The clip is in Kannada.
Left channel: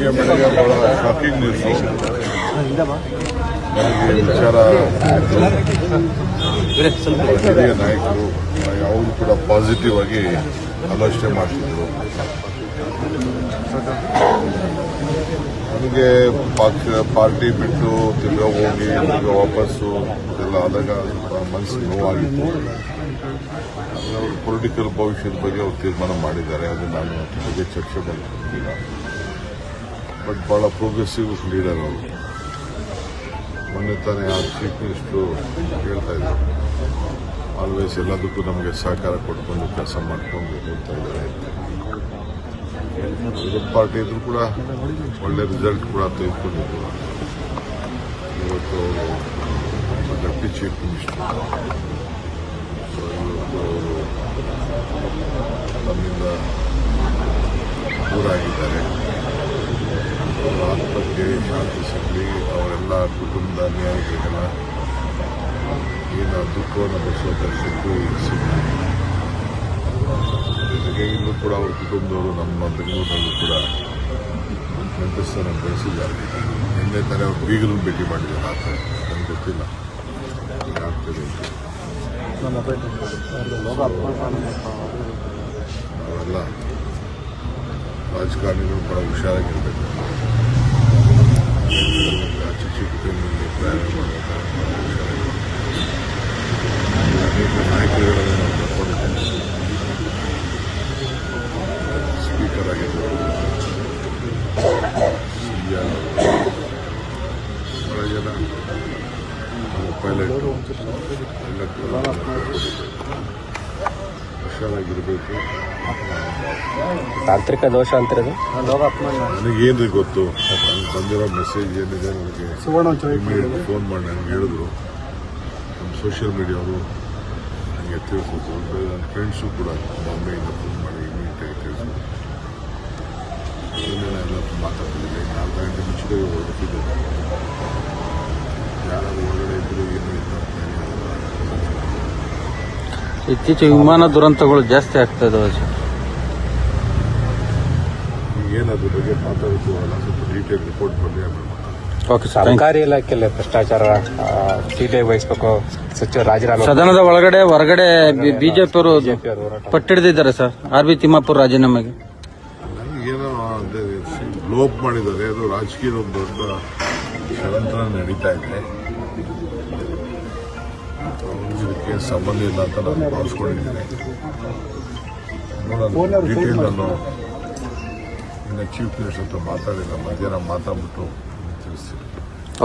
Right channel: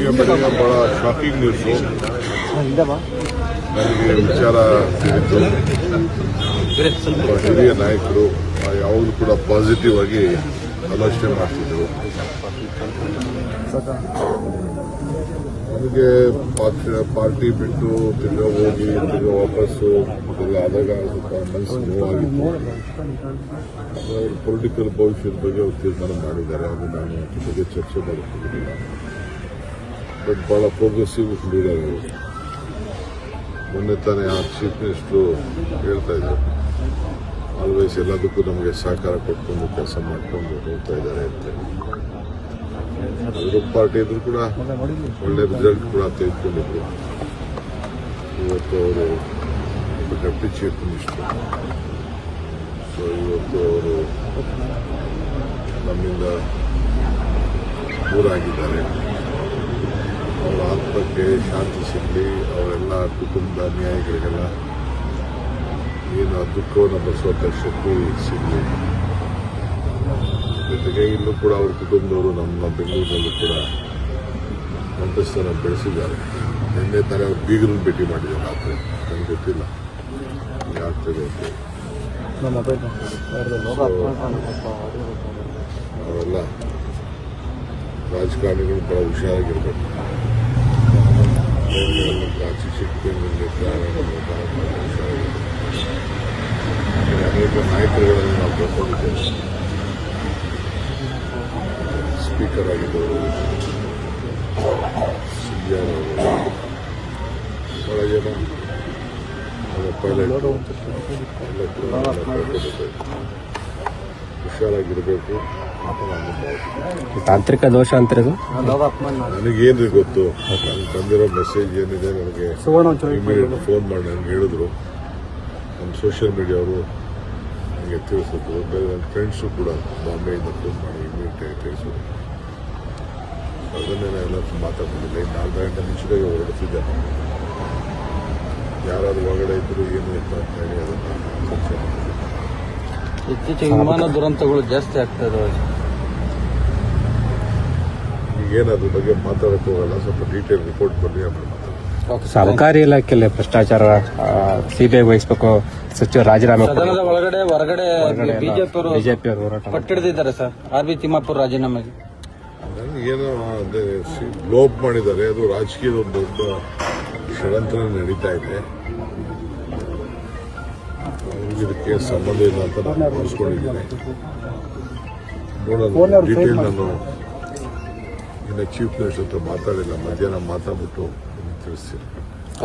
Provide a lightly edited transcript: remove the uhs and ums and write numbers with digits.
ಬೆಳಗ್ಗೆ ಬಹಳ ಶಾಕಿಂಗ್ ನ್ಯೂಸು. ನನಗೆ ವಿಚಾರ ತಿಳಿದು ಹಿರಿಯ ನಾಯಕರು ಯಾವಾಗಲೂ ಕೂಡ ಪಾಸಿಟಿವ್ ಆಗಿ ಆಲೋಚನೆ ಮಾಡ್ತಿದ್ರು. ನನಗೆ ಪಾರ್ಟಿ ಬಿಟ್ಟು ತಿರ್ಗಾ ಹೋಗಿ ತಿರ್ಗಾ ವಾಪಸ್ಸು ಇದೆಲ್ಲ ಆದಾಗ ಸ್ವಲ್ಪ ಮನಸ್ಸು ನೋವಾಗಿತ್ತು. ಅವ್ರ ಪೊಲಿಟಿಕಲ್ ಭವಿಷ್ಯದ ಬಗ್ಗೆ ಅವ್ರು ತೀರ್ಮಾನ ಮಾಡಿದ್ದಾರೆ. ಅದು ನಾನು ಬಗ್ಗೆ ಚರ್ಚೆ ಮಾಡಿಕೊಂಡಿಲ್ಲ. ಬಟ್ ಬಹಳ ಪ್ರೋಗ್ರೆಸಿವ್ ಲೀಡರ್ ಅವರು. ಮೊನ್ನೆ ತಾನೇ ಆ ಚೀಫ್ ಮಿನಿಸ್ಟರು ಹೇಳ್ತಾ ಇದ್ರು, ಆಲ್ವೇಸ್ ಎಲ್ಲದಕ್ಕೂ ನಮಗೆ ಸಹಕಾರ ಕೊಟ್ಕೊಂಡು ಕೆಲಸ ಮಾಡ್ಕೊಂಡು ಹೇಳ್ತಾ ಇದ್ದಾರೆ ಅಂತ. ವಿರೋಧ ಪಾರ್ಟಿ ಇದ್ರು ಕೂಡ ಒಳ್ಳೆ ರಿಸಲ್ಟ್ ಕೂಡ ತೆಗೆದುಕೊಂಡಿದ್ರು. ಇವತ್ತು ಅವರು ಡೆಪ್ಟಿ ಚೀಫ್ ಮಿನಿಸ್ಟರ್. ಸೊ ಇವತ್ತು ಅವರು ನಮ್ಮಿಂದ ದೂರ ಆಗಿದ್ದಾರೆ. ಅವರ ಆತ್ಮಕ್ಕೆ ಶಾಂತಿ ಸಿಗಲಿ, ಅವರೆಲ್ಲ ಕುಟುಂಬದ ಅನ್ಯಾಯಿಗಳಿಗೆಲ್ಲ ಏನು ದುಃಖವನ್ನು ಬರೆಸುವಂಥ ಶಕ್ತಿ ಸಿಗಲಿ. ಜೊತೆಗೆ ಇಲ್ಲೂ ಕೂಡ ಅವ್ರ ಕುಟುಂಬದವರು ನಮ್ಮ ಬೆಂಗಳೂರಿನಲ್ಲೂ ಕೂಡ ನೆಂಟಸ್ಥಾನ ಬೆಳೆಸಿದ್ದಾರೆ. ನಿನ್ನೆ ತಾನೇ ಅವ್ರು ಬೀಗರನ್ನು ಭೇಟಿ ಮಾಡಿದ್ದಾರೆ. ಆ ಥರ ನನಗೆ ಗೊತ್ತಿಲ್ಲ ಏನಾಗ್ತದೆ ಅಂತ. ನಾವೆಲ್ಲ ರಾಜಕಾರಣಿಗಳು ಬಹಳ ಹುಷಾರಾಗಿರ್ಬೇಕು. ಚಿಕ್ಕ ಚಿಕ್ಕ ಬೆಂಗಳೂರಲ್ಲಿ ಪ್ರಯಾಣ ಮಾಡುವಾಗ ಬಹಳ ಹುಷಾರಾಗಿರ್ಬೇಕು. ಅನೇಕ ನಾಯಕರುಗಳನ್ನು ನಾವು ಕರ್ಕೊಂಡಿದ್ದೇವೆ. ಸ್ಪೀಕರ್ ಆಗಿದ್ದವರು, ಸಿಆರ್ ಅವರು, ಬಹಳ ಜನ ನಮ್ಮ ಪೈಲಟ್ ಎಲ್ಲ ಕೂಡ ನಾವು ಕರ್ಕೊಂಡಿದ್ದೇವೆ. ಹುಷಾರಾಗಿರಬೇಕು ಅಂತ ನಾನು ಭಾವಿಸ್ತೀನಿ. ತಾಂತ್ರಿಕ ದೋಷ ಅಂತಾರೆ. ನನಗೇನ್ರಿ ಗೊತ್ತು. ನನಗೆ ಬಂದಿರೋ ಮೆಸೇಜ್ ಏನಿದೆ ನನಗೆ ಇಮಿಡಿಯೇಟ್ ಫೋನ್ ಮಾಡಿ ನನಗೆ ಹೇಳಿದ್ರು. ನಮ್ಮ ಸೋಷಿಯಲ್ ಮೀಡಿಯಾವರು ನನಗೆ ತಿಳಿಸಿದ್ರು. ಬೇರೆ ನನ್ನ ಫ್ರೆಂಡ್ಸು ಕೂಡ ಬಾಂಬೆಯಿಂದ ಫೋನ್ ಮಾಡಿ ಇಮಿಡಿಯೇಟಾಗಿ ತಿಳಿಸಿದ್ರು. ಅದನ್ನೇ ಎಲ್ಲ ಮಾತಾಡ್ತಿದ್ದಿಲ್ಲ. 4 ಗಂಟೆ ಮುಂಚಿಗೆ ಹೊರಡುತ್ತಿದ್ದಾರೆ. ಯಾರಾದ್ರೂ ಒಳಗಡೆ ಇದ್ರು ಏನು ಇತ್ತು ಅಂತ ಹೇಳಿ ಅದನ್ನು ಚರ್ಚೆ ಮಾಡಿ. ಇತ್ತೀಚೆಗೆ ವಿಮಾನ ದುರಂತಗಳು ಜಾಸ್ತಿ ಆಗ್ತಾ ಇದಾವೆ ಸರ್. ಈಗೇನಾದ್ರ ಬಗ್ಗೆ ಮಾತಾಡಕ್ಕೆ ಹೋಗಲ್ಲ. ಸ್ವಲ್ಪ ಡೀಟೇಲ್ ರಿಪೋರ್ಟ್ ಬಂದರೆ ಆಮೇಲೆ ಮಾತಾಡೋಣ. ಸರ್ಕಾರಿ ಇಲಾಖೆಯಲ್ಲಿ ಭ್ರಷ್ಟಾಚಾರ ಸಿಬಿಐ ವಹಿಸಬೇಕು, ಸಚಿವ ರಾಜೀನಾಮೆ. ಸದನದ ಒಳಗಡೆ ಹೊರಗಡೆ ಬಿಜೆಪಿಯವರು ಪಟ್ಟಿಡಿದಿದ್ದಾರೆ ಸರ್. ಆರ್.ಬಿ. ತಿಮ್ಮಾಪುರ ರಾಜೀನಾಮೆಗೆ ಏನೋ ಅದೇ ಲೋಪ್ ಮಾಡಿದ್ದಾರೆ. ಅದು ರಾಜಕೀಯದ ಒಂದು ದೊಡ್ಡ ಷಡ್ಯಂತ್ರ ನಡೀತಾ ಇದೆ. ಅವ್ರಿಗೆ ಇದಕ್ಕೆ ಸಂಬಂಧ ಇಲ್ಲ ಅಂತ ನಾನು ಭಾವಿಸ್ಕೊಂಡಿದ್ದೇನೆ. ನೋಡೋಣ, ಡೀಟೇಲ್ ನಾನು ಇನ್ನು ಚೀಫ್ ಮಿನಿಸ್ಟರ್ ಹತ್ರ ಮಾತಾಡಿಲ್ಲ. ಮಧ್ಯಾಹ್ನ ಮಾತಾಡ್ಬಿಟ್ಟು ತಿಳಿಸ್ತೀನಿ.